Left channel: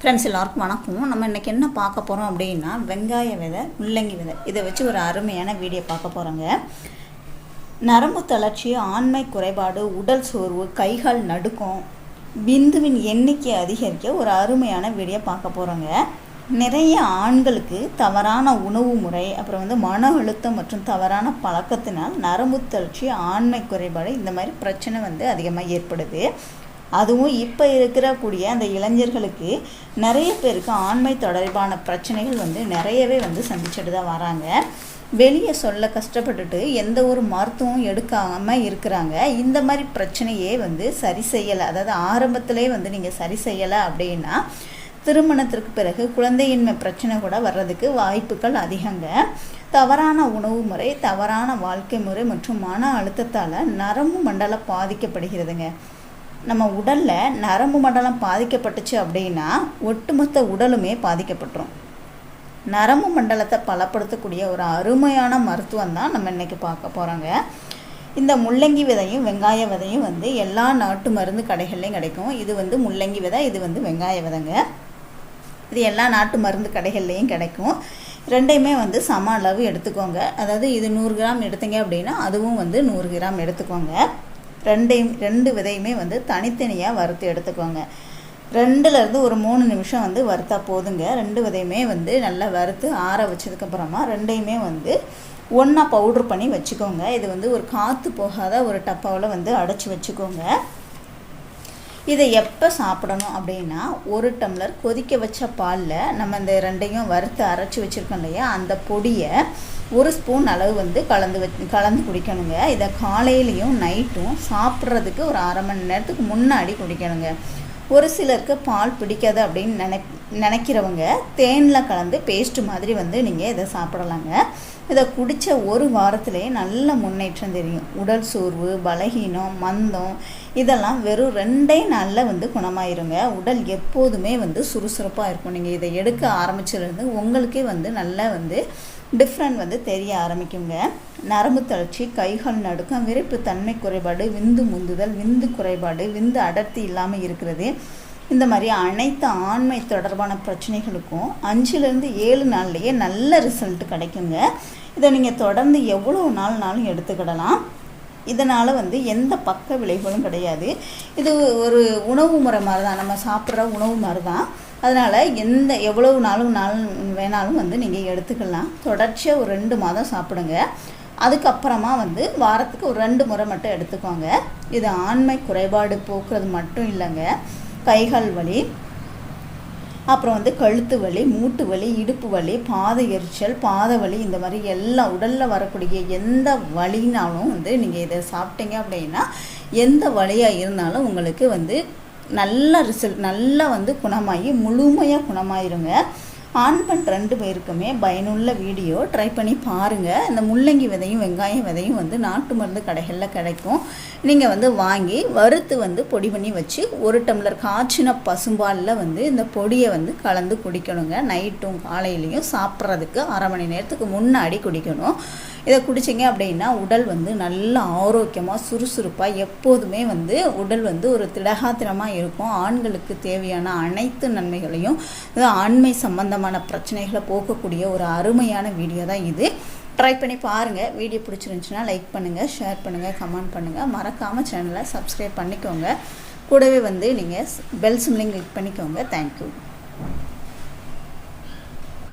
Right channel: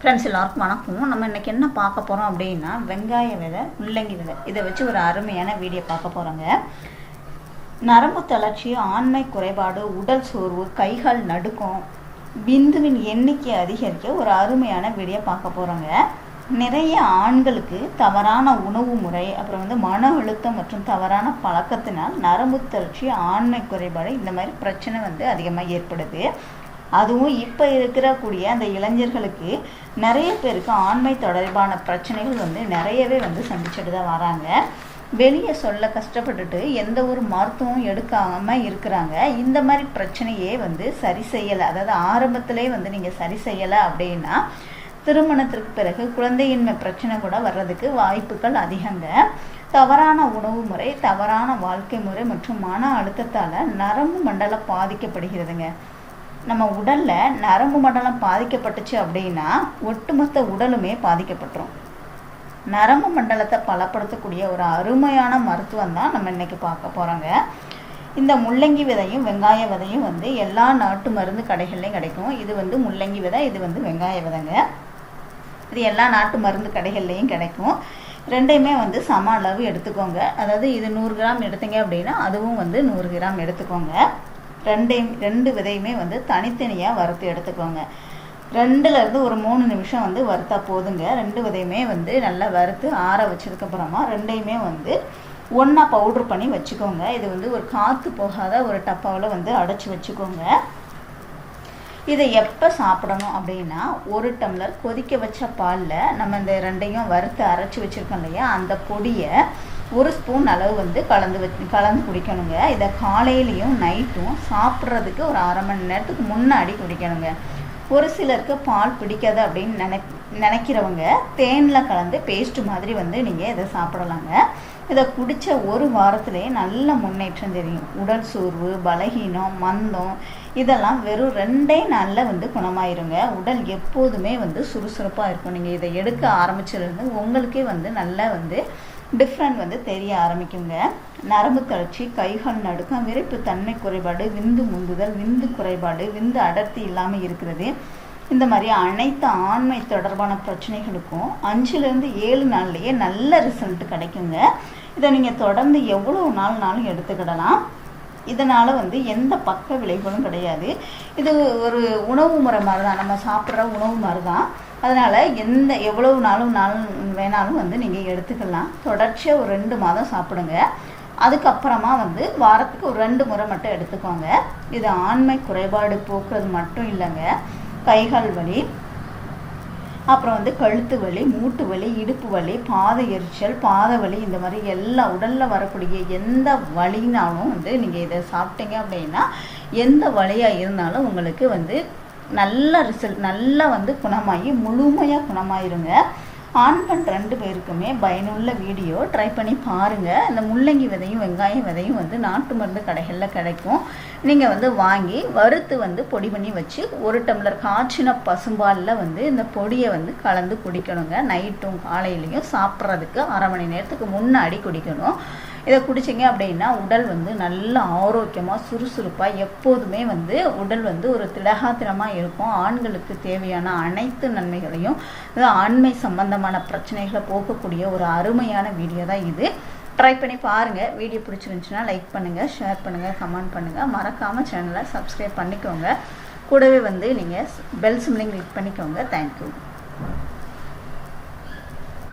Friends எல்லாருக்கும் வணக்கம் நம்ம இன்றைக்கி என்ன பார்க்க போகிறோம் அப்படின்னா வெங்காய விதை முள்ளங்கி விதை. இதை வச்சு ஒரு அருமையான வீடியோ பார்க்க போகிறோங்க நரம்பு தளர்ச்சி ஆண்மை குறைபாடு உடல் சோர்வு கைகால் நடுக்கம் பிந்துவின் எண்ணிக்கை அதிகரிக்க ஒரு அருமையான வீடியோ பார்க்க போகிறோங்க நிறைய ஆண்களுக்கு தவறான உணவு முறை அப்புறம் வந்து மன அழுத்தம் மற்றும் தவறான பழக்கத்தினால் நரம்பு தளர்ச்சி ஆண்மை குறைபாடு இந்த மாதிரி பிரச்சனை வந்து அதிகமாக ஏற்படுது. அதுவும் இப்போ இருக்கிறக்கூடிய அந்த இளைஞர்களுக்கு நிறைய பேருக்கு ஆண்மை தொடர்பான பிரச்சனைகள் வந்து நிறையவே வந்து சந்திச்சுட்டு தான் வராங்க. வெளியே சொல்ல கஷ்டப்பட்டுட்டு எந்த ஒரு மருத்துவம் எடுக்காமல் இருக்கிறாங்க. இந்த மாதிரி பிரச்சனையே வந்து சரி செய்யலை. அதாவது ஆரம்பத்திலே வந்து நீங்கள் சரி செய்யலை அப்படின்னா திருமணத்திற்கு பிறகு குழந்தையின்மை பிரச்சனை கூட வர்றதுக்கு வாய்ப்புகள் அதிகங்க. தவறான உணவு முறை தவறான வாழ்க்கை முறை மற்றும் மன அழுத்தத்தால் நரம்பு மண்டலம் பாதிக்கப்படுகிறதுங்க. நம்ம உடலில் நரம்பு மண்டலம் பாதிக்கப்பட்டுச்சு அப்படின்னா ஒட்டுமொத்த உடலுமே பாதிக்கப்பட்டுரும். நரம்பு மண்டலத்தை பலப்படுத்தக்கூடிய ஒரு அருமையான மருத்துவம் தான் நம்ம இன்றைக்கி பார்க்க போகிறோங்க இந்த முள்ளங்கி விதையும் வெங்காய விதையும் வந்து எல்லா நாட்டு மருந்து கடைகள்லையும் கிடைக்கும். இது வந்து முள்ளங்கி விதை இது வந்து வெங்காய விதைங்க. இது எல்லா நாட்டு மருந்து கடைகள்லையும் கிடைக்கும். ரெண்டையுமே வந்து சம அளவு எடுத்துக்கோங்க. அதாவது இது நூறு கிராம் எடுத்தீங்க அப்படின்னா அதுவும் வந்து நூறு கிராம் எடுத்துக்கோங்க. ரெண்டையும் ரெண்டு விதையுமே வந்து தனித்தனியாக வறுத்து எடுத்துக்கோங்க. ரெண்டுலேருந்து ஒரு மூணு நிமிஷம் வந்து வறுத்தா போதுங்க. ரெண்டு விதையுமே வந்து நல்லா வறுத்து ஆற வச்சதுக்கப்புறமா ரெண்டையுமே வந்து ஒன்றா பவுட்ரு பண்ணி வச்சுக்கோங்க. இது வந்து ஒரு காற்று போகாத ஒரு டப்பாவில் வந்து அடைச்சி வச்சுக்கோங்க. இதை எப்போ சாப்பிடணும் அப்படின்னா ஒரு டம்ளர் கொதிக்க வச்ச பாலில் நம்ம இந்த ரெண்டையும் வறுத்து அரைச்சி வச்சுருக்கோம் இல்லையா அந்த பொடியை ஒரு ஸ்பூன் அளவு வந்து கலந்து வச்சு கலந்து குடிக்கணுங்க. இதை காலையிலையும் நைட்டும் சாப்பிட்றதுக்கு ஒரு அரை மணி நேரத்துக்கு முன்னாடி குடிக்கணுங்க. ஒரு சிலருக்கு பால் பிடிக்காது அப்படின்னு நினை நினைக்கிறவங்க தேனில் கலந்து பேஸ்ட் மாதிரி வந்து நீங்கள் இதை சாப்பிடலாங்க. இதை குடித்த ஒரு வாரத்திலேயே நல்ல முன்னேற்றம் தெரியும். உடல் சோர்வு பலகீனம் மந்தம் இதெல்லாம் வெறும் ரெண்டே நாளில் வந்து குணமாயிருங்க. உடல் எப்போதுமே வந்து சுறுசுறுப்பாக இருக்கும். நீங்கள் இதை எடுக்க ஆரம்பிச்சதுலேருந்து உங்களுக்கே வந்து நல்லா வந்து டிஃப்ரெண்ட் வந்து தெரிய ஆரம்பிக்குங்க. நரம்பு தளர்ச்சி கைகள் நடுக்கம் விரைப்பு தன்மை குறைபாடு விந்து முந்துதல் விந்து குறைபாடு விந்து அடர்த்தி இல்லாமல் இருக்கிறது. இந்த மாதிரி அனைத்து ஆண்மை தொடர்பான பிரச்சனைகளுக்கும் அஞ்சுலேருந்து ஏழு நாள்லேயே நல்ல ரிசல்ட் கிடைக்குங்க. இதை நீங்கள் தொடர்ந்து எவ்வளோ நாள்னாலும் எடுத்துக்கிடலாம். இதனால் வந்து எந்த பக்க விளைவுகளும் கிடையாது. இது ஒரு உணவு முறை மாதிரி தான் நம்ம சாப்பிட்ற உணவு மாதிரி தான் அதனால் எந்த எவ்வளவு நாளும் நாள் வேணாலும் வந்து நீங்கள் எடுத்துக்கலாம். தொடர்ச்சியாக ஒரு ரெண்டு மாதம் சாப்பிடுங்க. அதுக்கப்புறமா வந்து வாரத்துக்கு ஒரு ரெண்டு முறை மட்டும் எடுத்துக்கோங்க. இது ஆண்மை குறைபாடு போக்குறது மட்டும் இல்லைங்க. கைகால் வலி அப்புறம் வந்து கழுத்து வலி மூட்டு வலி இடுப்பு வலி பாத எரிச்சல் பாத வலி இந்த மாதிரி எல்லா உடலில் வரக்கூடிய எந்த வலினாலும் வந்து நீங்கள் இதை சாப்பிட்டீங்க அப்படின்னா எந்த வலியாக இருந்தாலும் உங்களுக்கு வந்து நல்ல ரிசல்ட் நல்லா வந்து குணமாகி முழுமையாக குணமாயிருங்க. ஆண் பெண் ரெண்டு பேருக்குமே பயனுள்ள வீடியோ ட்ரை பண்ணி பாருங்கள் இந்த முள்ளங்கி விதையும் வெங்காயம் விதையும் வந்து நாட்டு மருந்து கடைகளில் கிடைக்கும். நீங்கள் வந்து வாங்கி வறுத்து வந்து பொடி பண்ணி வச்சு ஒரு டம்ளர் காய்ச்சின பசும்பாலில் வந்து இந்த பொடியை வந்து கலந்து குடிக்கணுங்க. நைட்டும் காலையிலையும் சாப்பிட்றதுக்கு அரை மணி நேரத்துக்கு முன்னாடி குடிக்கணும். இதை குடிச்சிங்க அப்படின்னா உடல் வந்து நல்ல ஆரோக்கியமாக சுறுசுறுப்பாக எப்போதுமே வந்து உடல் வந்து ஒரு திடகாத்திரமாக இருக்கும். ஆண்களுக்கு தேவையான அனைத்து நன்மைகளையும் ஆண்மை சம்பந்தமான பிரச்சனைகளை போக்கக்கூடிய ஒரு அருமையான வீடியோ தான் இது. ட்ரை பண்ணி பாருங்கள் வீடியோ பிடிச்சிருந்துச்சுன்னா லைக் பண்ணுங்கள் ஷேர் பண்ணுங்கள் கமெண்ட் பண்ணுங்கள் மறக்காமல் சேனலை சப்ஸ்கிரைப் பண்ணிக்கோங்க. கூடவே வந்து நீங்கள் பெல் சிம்லிங் கிளிக் பண்ணிக்கோங்க. Thank you